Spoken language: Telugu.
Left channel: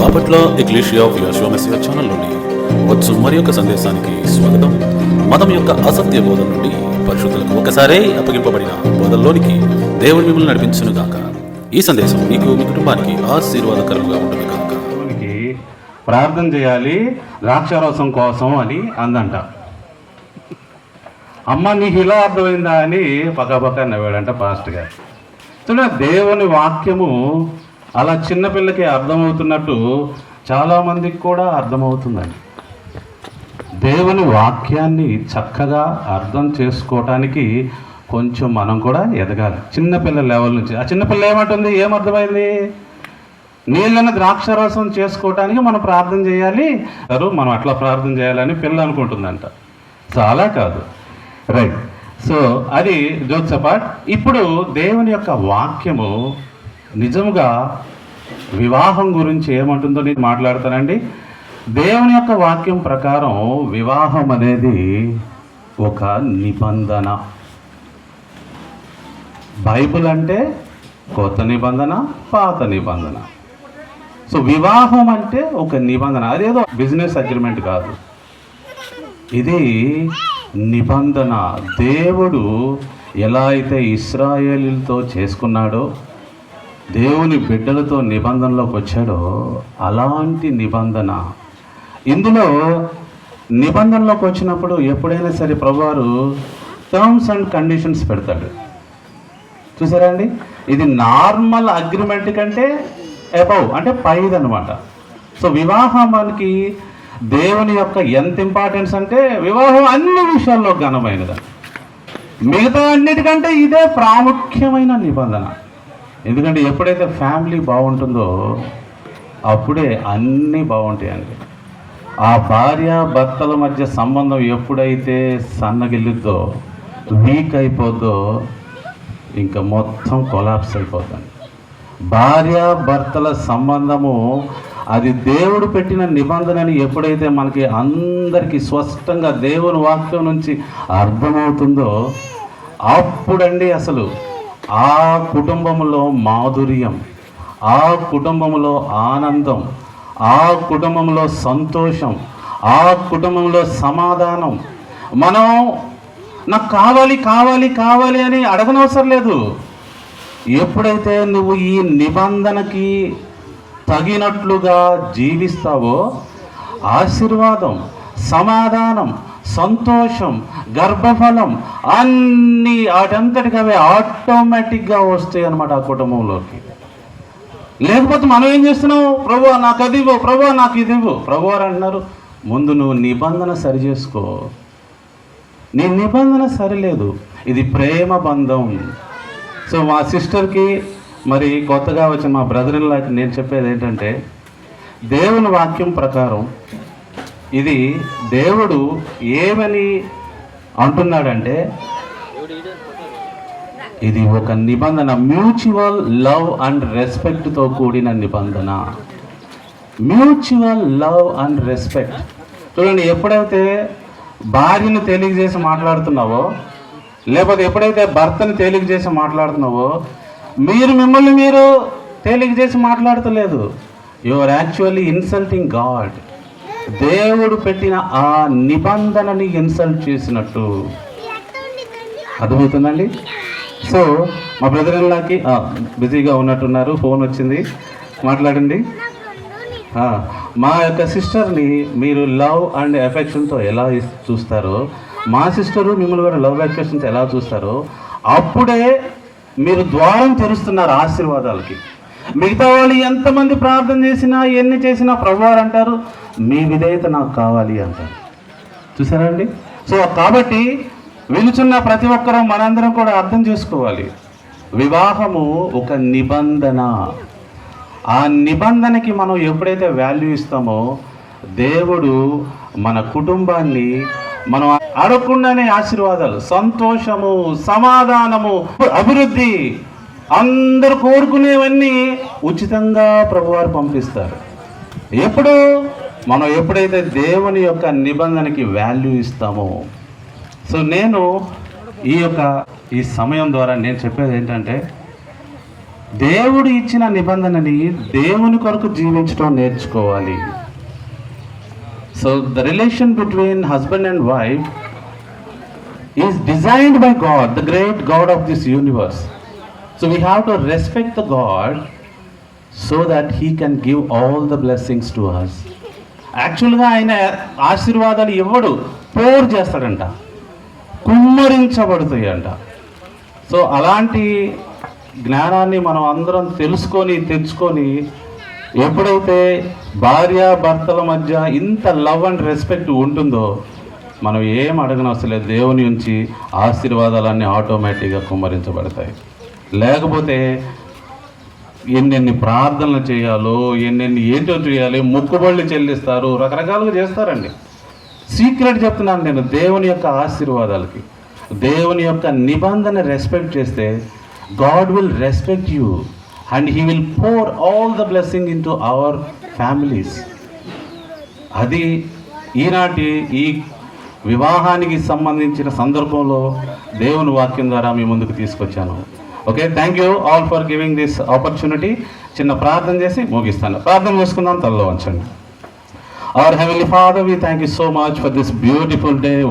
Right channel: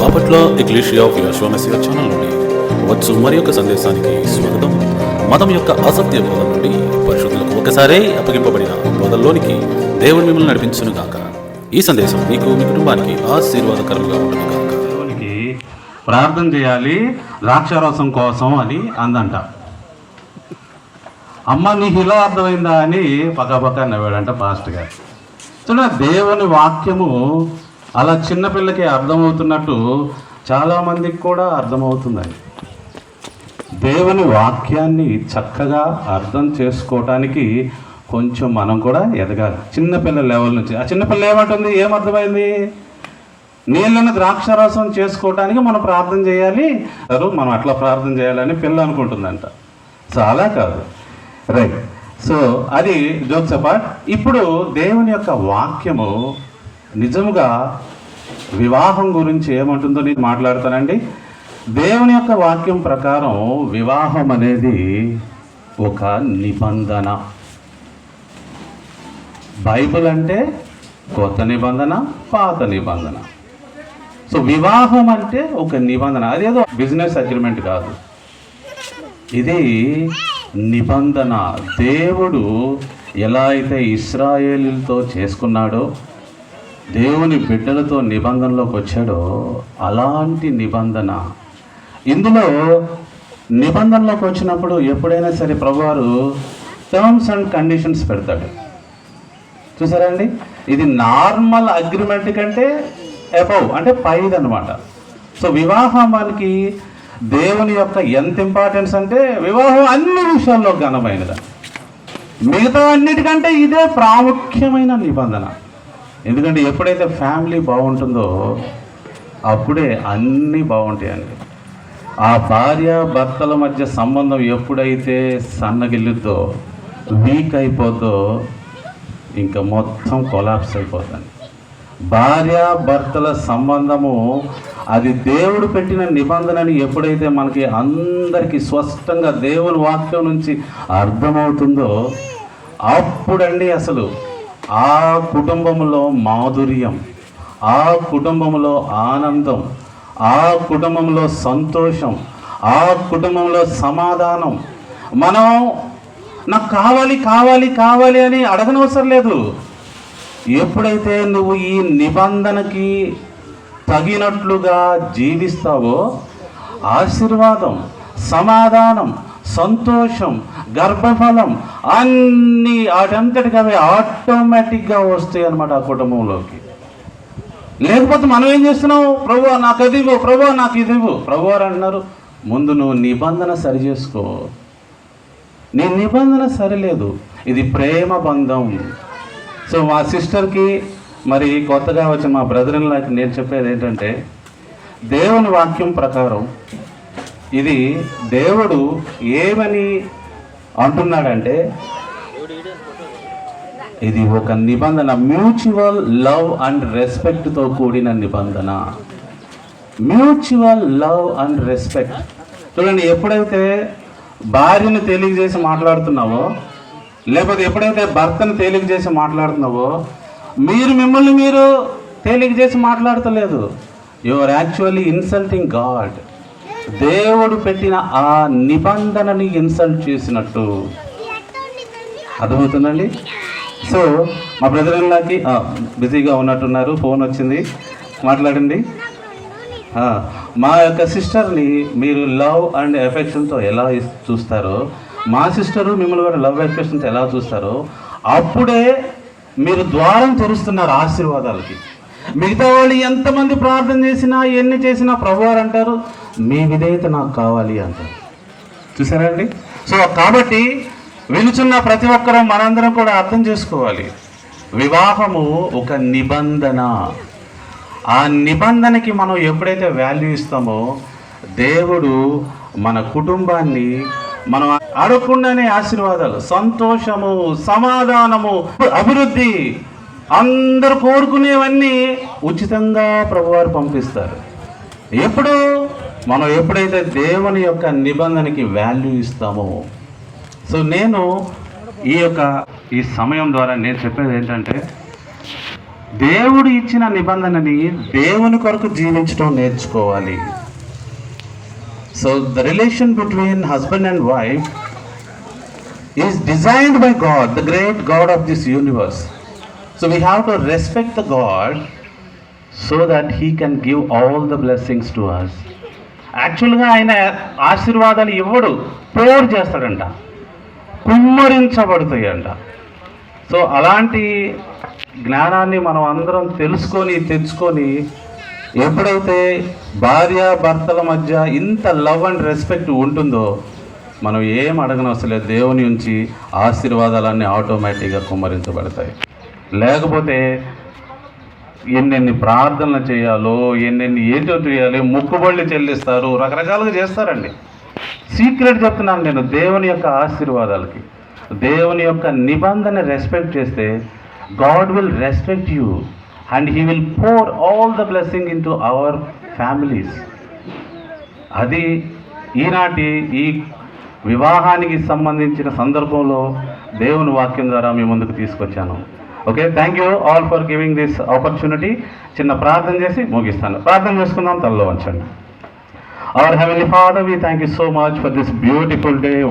బాపట్ల ఎక్లేషియా ఆఫ్ యశ్వమసియా ఛానల్ నుండి వచ్చు మరి యొక్క సందేశానికి స్వాగతం. మతం యొక్క అసత్య బోధన నుండి పరిశుద్ధులకు ఒకసారే అప్పగింపబడిన బోధల్లోనికి దేవుడు మిమ్మల్ని నడిపించును గాక. ఈ సందేశం మీకు మీ కుటుంబానికి ఆశీర్వాదకరంగా ఉంటుంది గాక. ప్రార్థన చేయాలి ద్రాక్షారసం కోసం అని అందంట. అమ్మ నీకు ఇలా అర్థమైందా అని పక్కపక్క నవ్వాడంట పాస్ట్ గారు. చూడ దేవుని వాక్యము అలా చిన్నపిల్లకి అర్థమవుతున్నట్టు చాలామందికి కూడా అర్థమవుతుందండి. దేవుని వాక్యాన్ని చక్కగా అర్థం చేసుకోవటానికి కొంచెం మనం కూడా ఎదగాలి. చిన్నపిల్ల లెవెల్ నుంచి. ఆ చిన్నపిల్ల ఏమంటుంది? ఏమర్థమైంది నీళ్ళని ద్రాక్షరసం చేసుకోవటానికి మనం ప్రార్థన చేయాలి. అరు మనం అట్లా ప్రార్థన చేయాలని పిల్ల అనుకుంటుందంట. చాలా కాదు. రైట్ సో అది జోక్స్ అపార్ట్ ఇప్పుడు దేవుని యొక్క వాక్యము నిజముగా వివాహం గురించి ఏమంటుందో నేను మాట్లాడతానండి. దేవుని యొక్క వాక్యం ప్రకారం వివాహం అనేది ఒక నిబంధన. బైబిల్ అంటే కొత్త నిబంధన పాత నిబంధన. సో వివాహం అంటే ఒక నిబంధన. అదేదో బిజినెస్ అగ్రిమెంట్ కాదు. ఇది నిబంధన. దేవుడు ఎలా అయితే ఇస్రాయేలీలతో చేసుకున్నాడో దేవుని బిడ్డలతో నిబంధనలోకి వచ్చాడో అలాంటి నిబంధన. ఇందులో నిబంధనలోకి వచ్చినప్పుడు ఎప్పుడైనా సరే ప్రభువారు టర్మ్స్ అండ్ కండిషన్స్ పెడతాడు. చూసారా అండి? ఇది నార్మల్ అగ్రిమెంట్ కంటే అబౌవ్ అంటే పైది అనమాట సో వివాహం మనకి దేవుని యొక్క ఎంత ఇంపార్టెన్స్ అంటే వివాహం అన్ని విషయాల్లో ఘనమైనది. మిగతా అన్నిటికంటే ఇదే ప్రాముఖ్యమైన నిబంధన. ఎందుకంటే ఎప్పుడైతే ఫ్యామిలీ బాగుంటుందో అప్పుడే అన్నీ బాగుంటాయండి. ఆ భార్య భర్తల మధ్య సంబంధం ఎప్పుడైతే సన్నగిల్లుద్దో వీక్ అయిపోద్దో ఇంకా మొత్తం కొలాప్స్ అయిపోతుంది భార్య భర్తల సంబంధము అది దేవుడు పెట్టిన నిబంధనని ఎప్పుడైతే మనకి అందరికీ స్పష్టంగా దేవుని వాక్యం నుంచి అర్థమవుతుందో అప్పుడండి అసలు ఆ కుటుంబంలో మాధుర్యం ఆ కుటుంబంలో ఆనందం ఆ కుటుంబంలో సంతోషం ఆ కుటుంబంలో సమాధానం. మనం నాకు కావాలి కావాలి కావాలి అని అడగనవసరం లేదు. ఎప్పుడైతే నువ్వు ఈ నిబంధనకి తగినట్లుగా జీవిస్తావో ఆశీర్వాదం సమాధానం సంతోషం గర్భఫలం అన్నీ వాటంతటికి అవి ఆటోమేటిక్గా వస్తాయి అనమాట ఆ కుటుంబంలోకి. లేకపోతే మనం ఏం చేస్తున్నావు? ప్రభు నాకు అది ఇవ్వు ప్రభు నాకు ఇది ఇవ్వు. ప్రభు అంటున్నారు. ముందు నువ్వు నిబంధన సరి చేసుకో. నీ నిబంధన సరిలేదు. ఇది ప్రేమ బంధం. సో మా సిస్టర్కి మరి కొత్తగా వచ్చిన మా బ్రదర్ ఇన్లాకి నేను చెప్పేది ఏంటంటే దేవుని వాక్యం ప్రకారం ఇది దేవుడు ఏమని అంటున్నాడంటే ఇది ఒక నిబంధన మ్యూచువల్ లవ్ అండ్ రెస్పెక్ట్తో కూడిన నిబంధన. మ్యూచువల్ లవ్ అండ్ రెస్పెక్ట్ చూడండి ఎప్పుడైతే భార్యను తెలియజేసి మాట్లాడుతున్నావో లేకపోతే ఎప్పుడైతే భర్తను తేలిక చేసి మాట్లాడుతున్నావో మీరు మిమ్మల్ని మీరు తేలిక చేసి మాట్లాడతలేదు. You are actually insulting God దేవుడు పెట్టిన ఆ నిబంధనని ఇన్సల్ట్ చేసినట్టు. అర్థమవుతుందండి? సో మా బ్రదర్ ఇన్లాకి బిజీగా ఉన్నట్టున్నారు ఫోన్ వచ్చింది. మాట్లాడండి. మా యొక్క సిస్టర్ని మీరు లవ్ అండ్ ఎఫెక్షన్తో ఎలా చూస్తారు చూస్తారో మా సిస్టరు మిమ్మల్ని కూడా లవ్ ఎఫెక్షన్తో ఎలా చూస్తారో అప్పుడే మీరు ద్వారం తెరుస్తున్నారు ఆశీర్వాదాలకి. మిగతా వాళ్ళు ఎంతమంది ప్రార్థన చేసినా ఎన్ని చేసినా ప్రభువారు అంటారు మీ విధేయత నాకు కావాలి అంటారు. చూసారా అండి? సో కాబట్టి వినుచున్న ప్రతి ఒక్కరూ మనందరం కూడా అర్థం చేసుకోవాలి. వివాహము ఒక నిబంధన. ఆ నిబంధనకి మనం ఎప్పుడైతే వాల్యూ ఇస్తామో దేవుడు మన కుటుంబాన్ని మనం అడగకుండానే ఆశీర్వాదాలు సంతోషము సమాధానము అభివృద్ధి అందరు కోరుకునేవన్నీ ఉచితంగా ప్రభువారు పంపిస్తారు. ఎప్పుడు? మనం ఎప్పుడైతే దేవుని యొక్క నిబంధనకి వాల్యూ ఇస్తామో. సో నేను ఈ యొక్క ఈ సమయం ద్వారా నేను చెప్పేది ఏంటంటే దేవుడు ఇచ్చిన నిబంధనని దేవుని కొరకు జీవించడం నేర్చుకోవాలి. So the relation between husband and wife is designed by God the great God of this universe so we have to respect the God so that he can give all the blessings to us యాక్చువల్గా ఆయన ఆశీర్వాదాలు ఇవ్వడు ప్రేయర్ చేస్తాడంట. కుమ్మరించబడుతాయంట. అంట సో అలాంటి జ్ఞానాన్ని మనం అందరం తెలుసుకొని తెచ్చుకొని ఎప్పుడైతే భార్య భర్తల మధ్య ఇంత లవ్ అండ్ రెస్పెక్ట్ ఉంటుందో మనం ఏం అడగనవసరం దేవుని నుంచి ఆశీర్వాదాలన్నీ ఆటోమేటిక్గా కుమ్మరించబడతాయి. లేకపోతే ఎన్నెన్ని ప్రార్థనలు చేయాలో ఎన్నెన్ని ఏంటో చేయాలి మొక్కుబళ్ళు చెల్లిస్తారు రకరకాలుగా చేస్తారండి. సీక్రెట్ చెప్తున్నాను నేను దేవుని యొక్క ఆశీర్వాదాలకి. దేవుని యొక్క నిబంధన రెస్పెక్ట్ చేస్తే God will respect you and he will pour all the blessing into our families అది ఈనాటి ఈ వివాహానికి సంబంధించిన సందర్భంలో దేవుని వాక్యం ద్వారా మీ ముందుకు తీసుకొచ్చాను. Okay thank you all for giving this opportunity చిన్న ప్రార్థన చేసి ముగిస్తాను. ప్రార్థన చేసుకుందాం తల్లో వచ్చండి our heavenly father we thank you so much for this beautiful day